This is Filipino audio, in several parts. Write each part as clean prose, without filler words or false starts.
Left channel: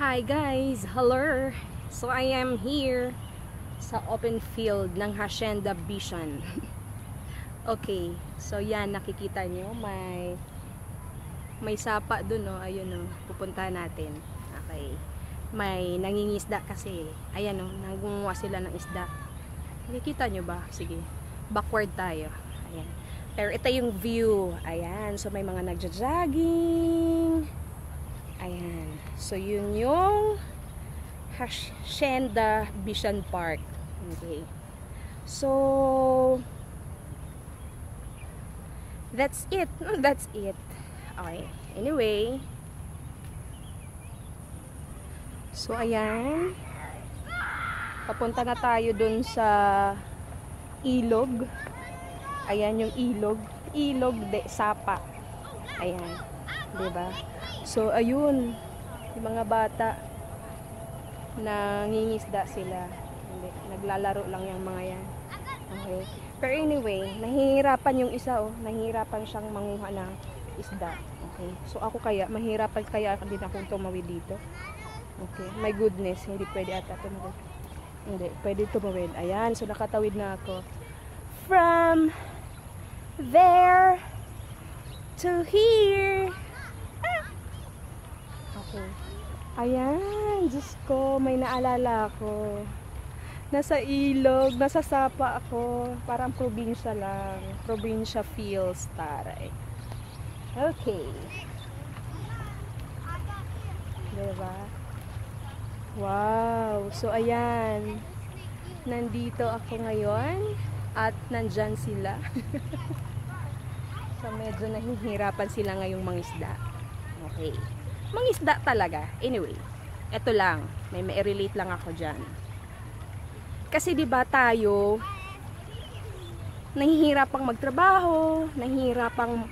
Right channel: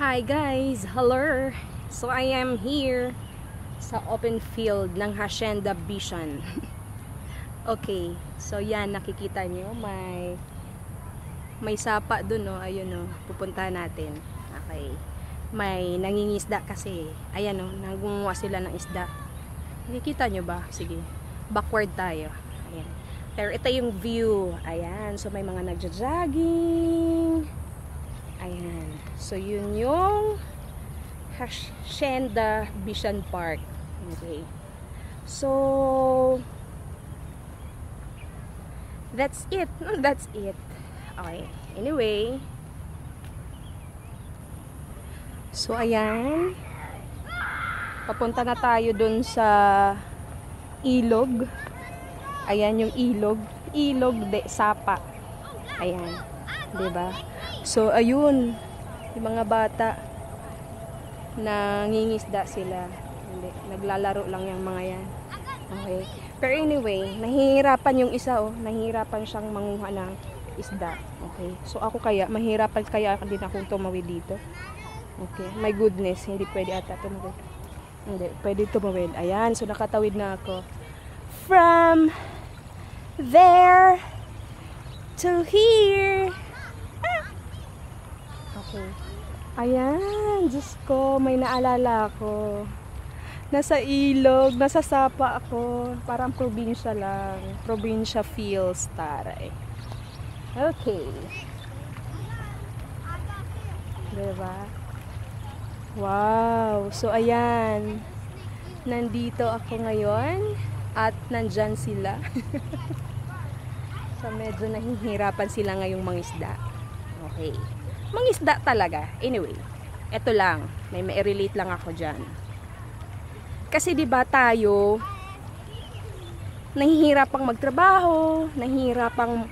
Hi guys! Hello! So I am here sa open field ng Hacienda Bisan. Okay, so yan, nakikita nyo, may sapa dun, no? Ayun, no? Pupuntahan natin. Okay. May nangingisda kasi. Ayan, no? Nangunguha sila ng isda. Nakikita nyo ba? Sige. Backward tayo. Ayan. Pero ito yung view. Ayan. So may mga nagja-jogging. Ayan. So yun yung Hacienda Bisan Park. Okay. So that's it. That's it. Okay. Anyway. So ayan. Papunta na tayo dun sa ilog. Ayan yung ilog. Ilog de Sapa. Ayan. Diba? So ayun. Yung mga bata nangingisda sila. Hindi. Naglalaro lang yung mga yan. Okay. Pero anyway, nahihirapan yung isa, oh. Nahihirapan siyang manguha ng isda. Okay. So ako kaya, mahirapan kaya din akong tumawid dito. Okay. My goodness, hindi pwede ata tumawid. Hindi, pwede tumawid. Ayan, so nakatawid na ako. From there to here. Okay. Ayan, Diyos ko, may naalala ako. Nasa ilog, nasa sapa ako. Parang probinsya lang. Probinsya feels, taray. Okay. Diba? Wow. So, ayan. Nandito ako ngayon. At nandyan sila. So, medyo nahihirapan sila ngayong mangisda. Okay. Mangisda talaga. Anyway, eto lang. May relate lang ako dyan. Kasi diba tayo, nahihirapang magtrabaho, nahihirapang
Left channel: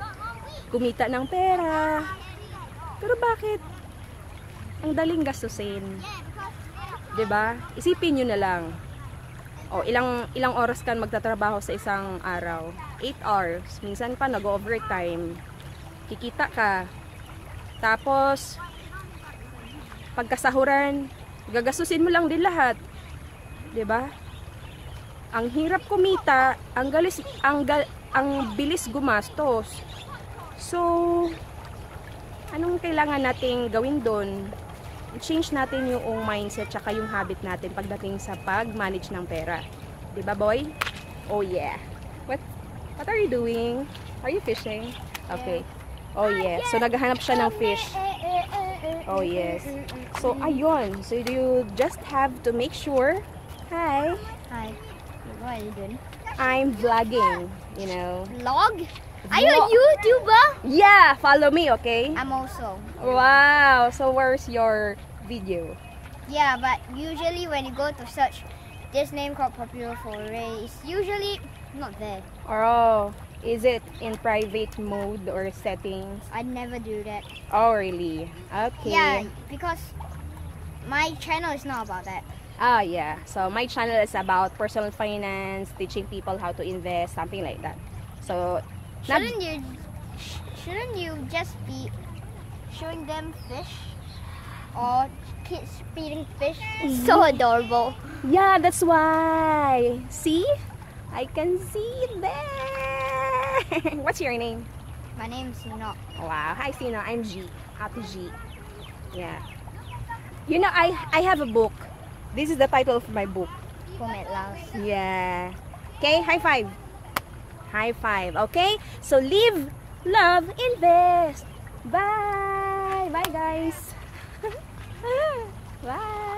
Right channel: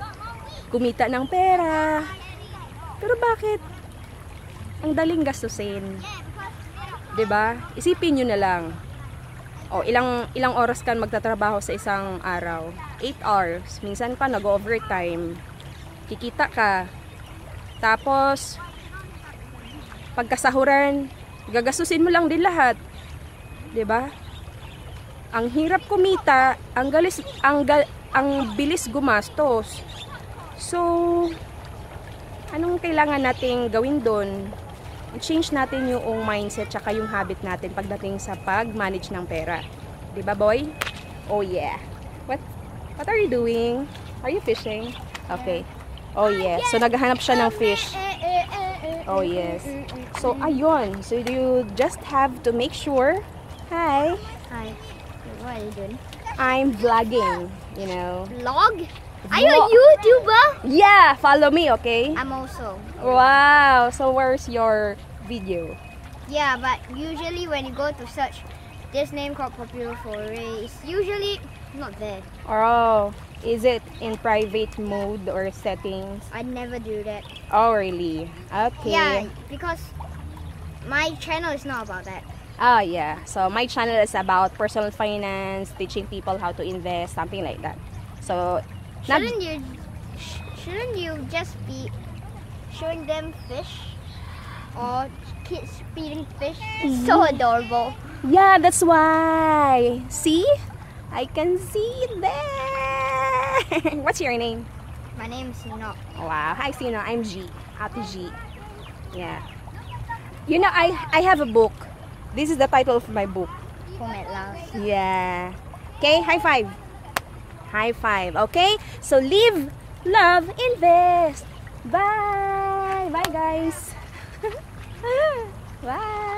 kumita ng pera. Pero bakit? Ang daling gastusin. Diba? Isipin nyo na lang. O, ilang oras ka magtatrabaho sa isang araw? 8 hours. Minsan pa nag-overtime. Kikita ka. Tapos, pagkasahuran, gagastusin mo lang din lahat. 'Di ba? Ang hirap kumita, ang bilis gumastos. So, anong kailangan nating gawin doon? Change natin yung mindset tsaka yung habit natin pagdating sa pag-manage ng pera. 'Di ba, boy? Oh yeah. What are you doing? Are you fishing? Okay. Oh yeah. So naghahanap siya ng fish. Oh yes. So ayun. So you just have to make sure. Hi. Hi. What are you doing? I'm vlogging, you know. Vlog? Are you a YouTuber? Yeah, follow me, okay? I'm also. Wow. So where's your video? Yeah, but usually when you go to search this name called Popular Foray, it's usually not there. Oh, is it in private mode or settings? I never do that. Oh, really? Okay. Yeah, because my channel is not about that. Oh, yeah. So my channel is about personal finance, teaching people how to invest, something like that. So Shouldn't you just be showing them fish or kids feeding fish? So adorable. Yeah, that's why. See? I can see it there. What's your name? My name is Sino. Wow. Hi, Sino. I'm G. Happy G. Yeah. You know, I have a book. This is the title of my book. Home at last. Yeah. Okay, high five. High five. Okay? So live, love, invest. Bye. Bye, guys. Bye.